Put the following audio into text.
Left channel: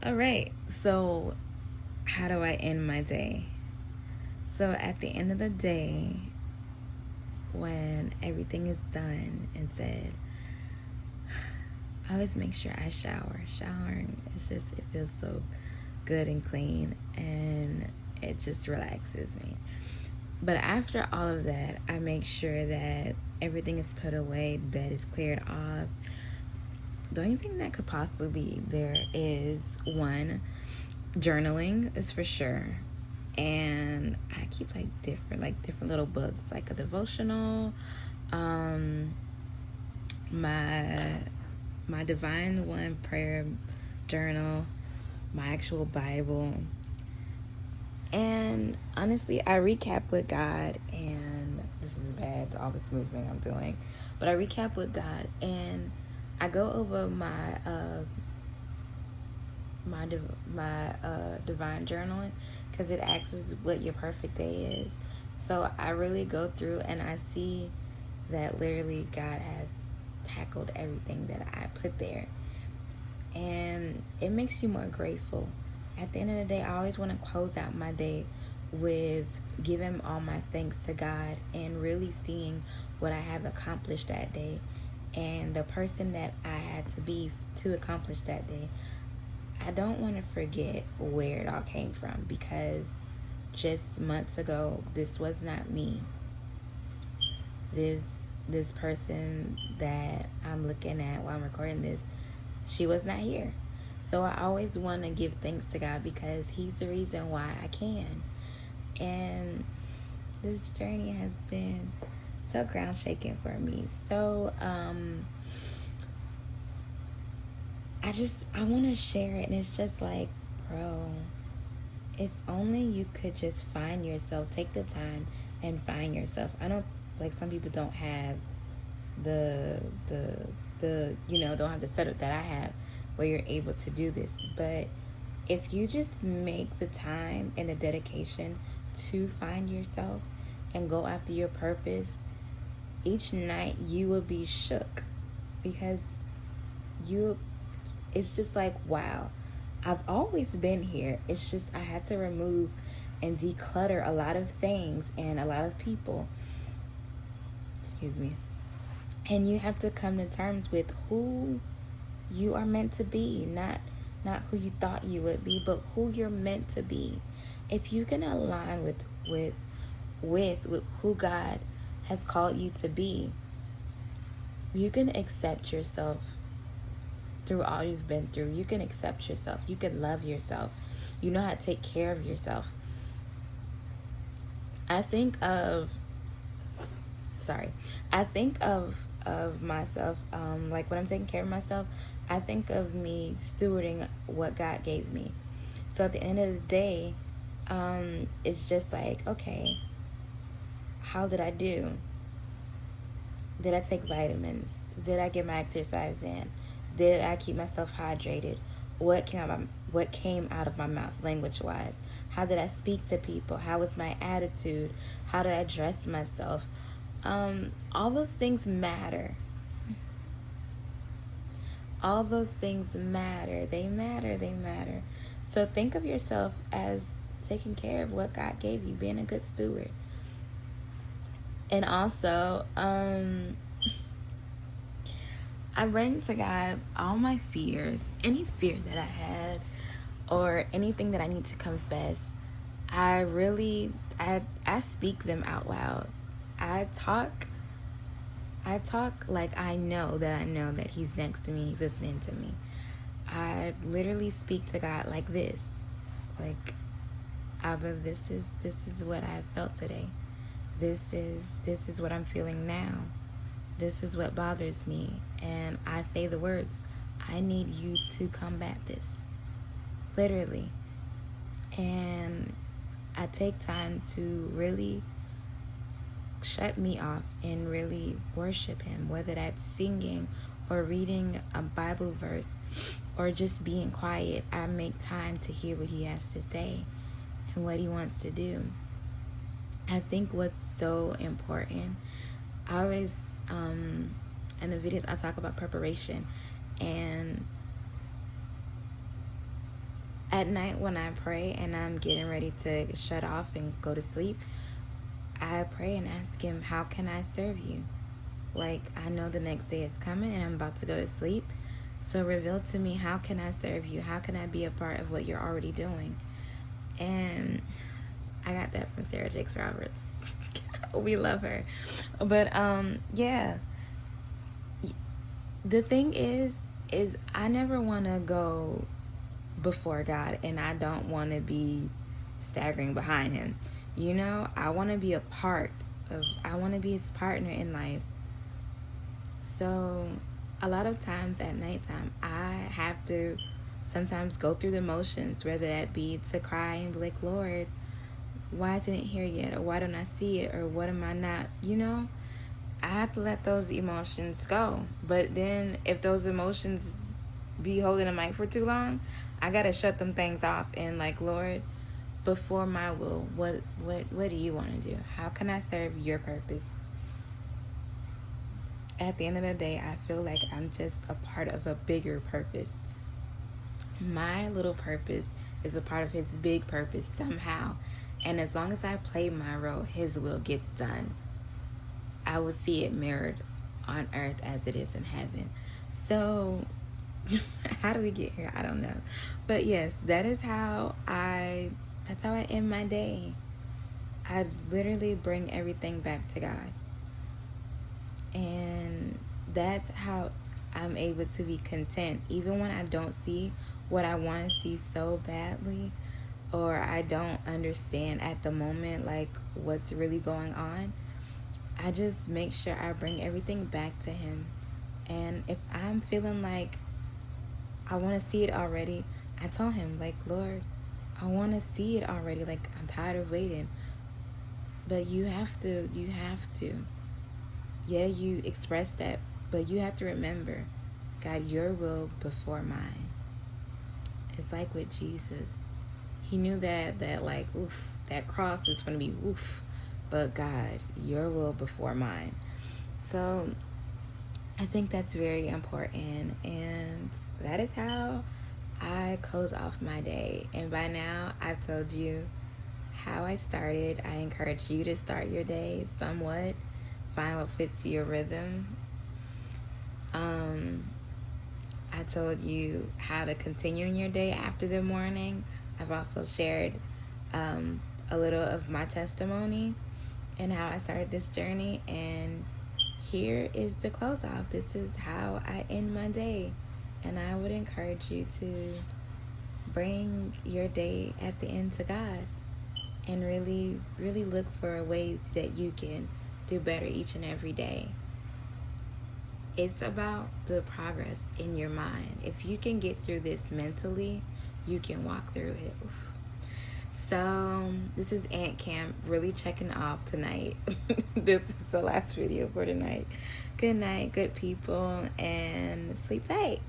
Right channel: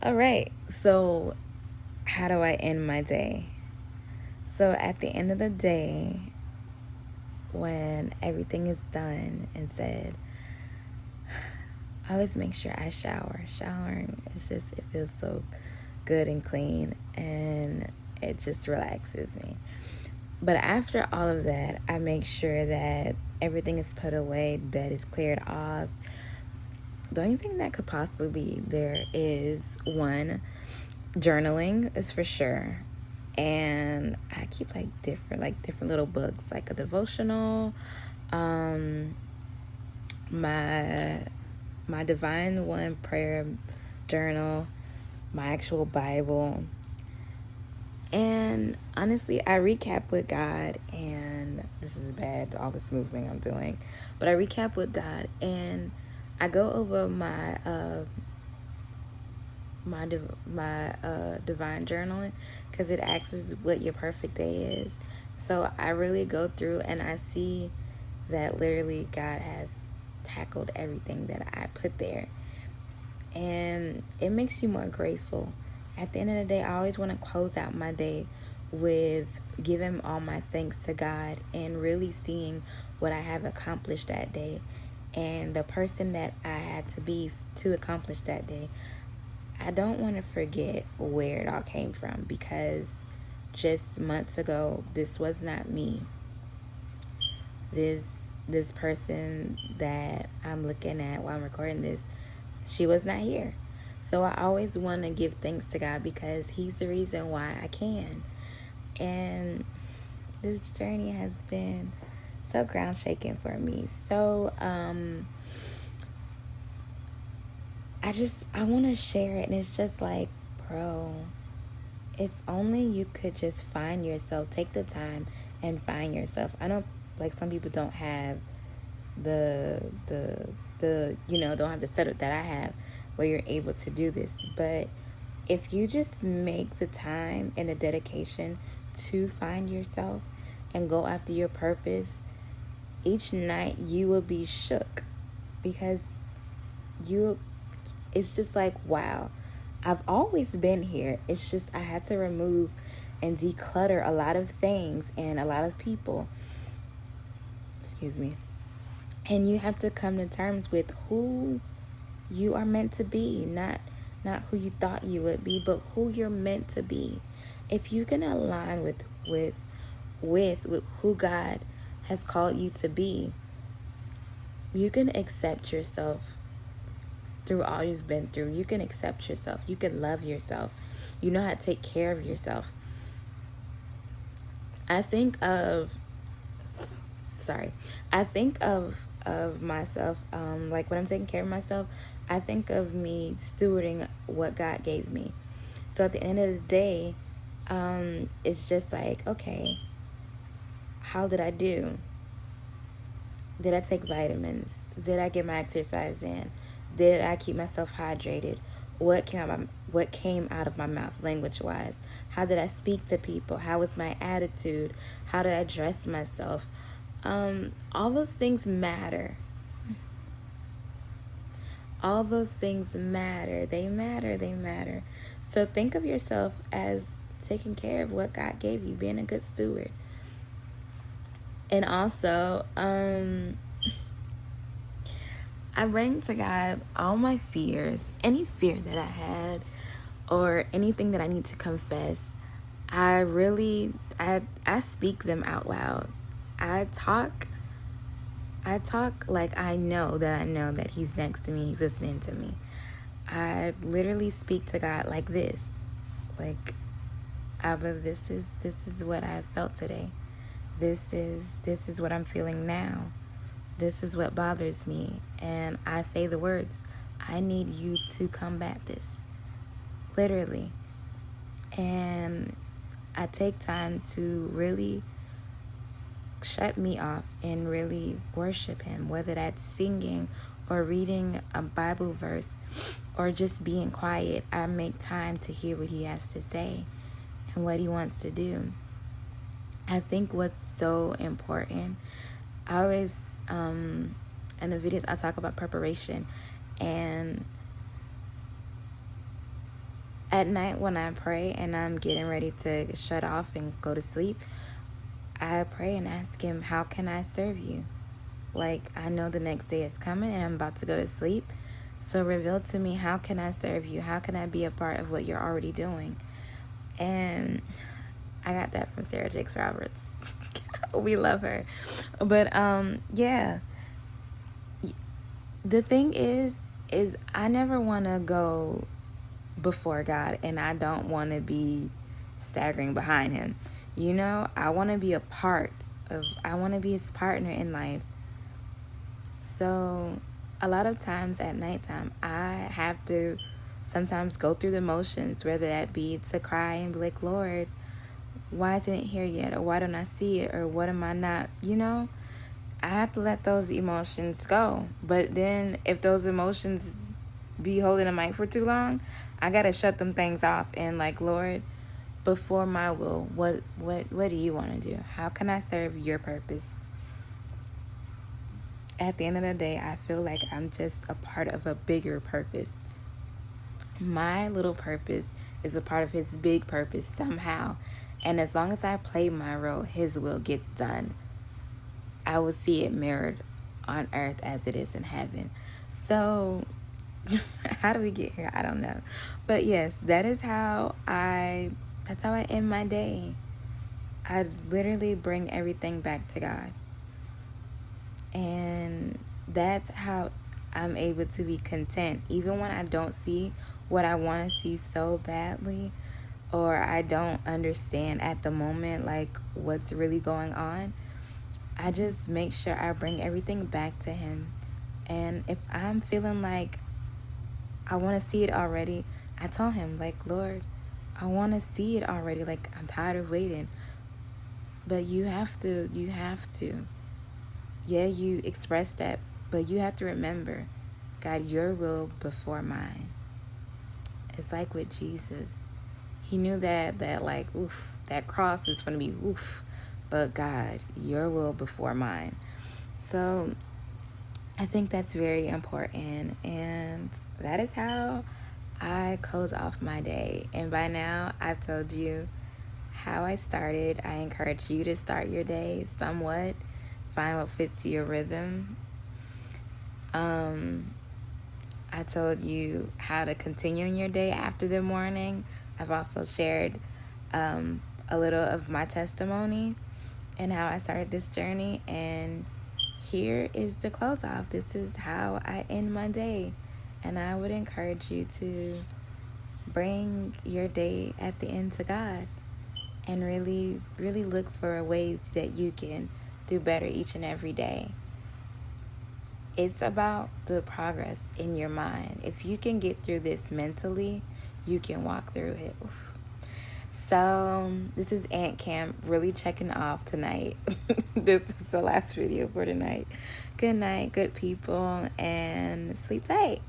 All right, so how do I end my day? So at the end of the day, when everything is done and said, I always make sure I shower. Showering, it feels so good and clean, and it just relaxes me. But after all of that, I make sure that everything is put away, bed is cleared off. The only thing that could possibly be there is one, journaling is for sure. And I keep different little books, like a devotional, um, my Divine One prayer journal, my actual Bible. And honestly, I recap with God, and this is bad, all this movement I'm doing, but I recap with God, and I go over my divine journaling, because it asks what your perfect day is. So I really go through and I see that literally God has tackled everything that I put there, and it makes you more grateful. At the end of the day, I always want to close out my day with giving all my thanks to God and really seeing what I have accomplished that day and the person that I had to be to accomplish that day. I don't want to forget where it all came from, because just months ago, this was not me. This person that I'm looking at while I'm recording this, she was not here. So I always want to give thanks to God, because He's the reason why I can. And this journey has been so ground shaking for me. So I want to share it, and it's just like, bro, if only you could just find yourself, take the time and find yourself. I don't, like, some people don't have the don't have the setup that I have where you're able to do this. But if you just make the time and the dedication to find yourself and go after your purpose, each night you will be shook, because it's just like, wow, I've always been here. It's just I had to remove and declutter a lot of things and a lot of people. Excuse me. And you have to come to terms with who you are meant to be, not who you thought you would be, but who you're meant to be. If you can align with who God has called you to be, you can accept yourself through all you've been through. You can accept yourself. You can love yourself. You know how to take care of yourself. I think of myself, like when I'm taking care of myself, I think of me stewarding what God gave me. So at the end of the day, it's just like, okay, how did I do? Did I take vitamins? Did I get my exercise in? Did I keep myself hydrated? What came out of my mouth, language-wise? How did I speak to people? How was my attitude? How did I dress myself? All those things matter. All those things matter. They matter. So think of yourself as taking care of what God gave you, being a good steward. And also, I bring to God all my fears, any fear that I had, or anything that I need to confess. I speak them out loud. I talk like I know that He's next to me, He's listening to me. I literally speak to God like this, like, Abba, this is what I felt today. This is what I'm feeling now. This is what bothers me. And I say the words, I need you to combat this. Literally. And I take time to really shut me off and really worship Him, whether that's singing or reading a Bible verse or just being quiet. I make time to hear what He has to say and what He wants to do. I think what's so important, I always, in the videos I talk about preparation, and At night when I pray and I'm getting ready to shut off and go to sleep, I pray and ask him, how can I serve you? Like, I know the next day is coming and I'm about to go to sleep. So reveal to me, how can I serve you? How can I be a part of what you're already doing? And I got that from Sarah Jakes Roberts. We love her. But yeah. The thing is I never want to go before God, and I don't want to be staggering behind him. You know, I want to be I want to be his partner in life. So a lot of times at nighttime, I have to sometimes go through the motions, whether that be to cry and be like, Lord, why isn't it here yet? Or why don't I see it? Or what am I not? You know, I have to let those emotions go. But then if those emotions be holding the mic for too long, I gotta shut them things off and like, Lord, before my will, what do you want to do? How can I serve your purpose? At the end of the day, I feel like I'm just a part of a bigger purpose. My little purpose is a part of his big purpose somehow. And as long as I play my role, his will gets done. I will see it mirrored on earth as it is in heaven. So how do we get here? I don't know. But yes, that's how I end my day. I literally bring everything back to God. And that's how I'm able to be content. Even when I don't see what I want to see so badly, or I don't understand at the moment like what's really going on, I just make sure I bring everything back to him. And if I'm feeling like I want to see it already, I tell him like, Lord, I want to see it already. Like, I'm tired of waiting. But you have to. Yeah, you express that, but you have to remember, God, your will before mine. It's like with Jesus. He knew that like, oof, that cross is going to be oof. But God, your will before mine. So I think that's very important. And that is how I close off my day. And by now, I've told you how I started. I encourage you to start your day somewhat. Find what fits your rhythm. I told you how to continue in your day after the morning. I've also shared a little of my testimony and how I started this journey. And here is the close off. This is how I end my day. And I would encourage you to bring your day at the end to God and really, really look for ways that you can do better each and every day. It's about the progress in your mind. If you can get through this mentally, you can walk through it. Oof. So this is Aunt Cam really checking off tonight. This is the last video for tonight. Good night, good people, and sleep tight.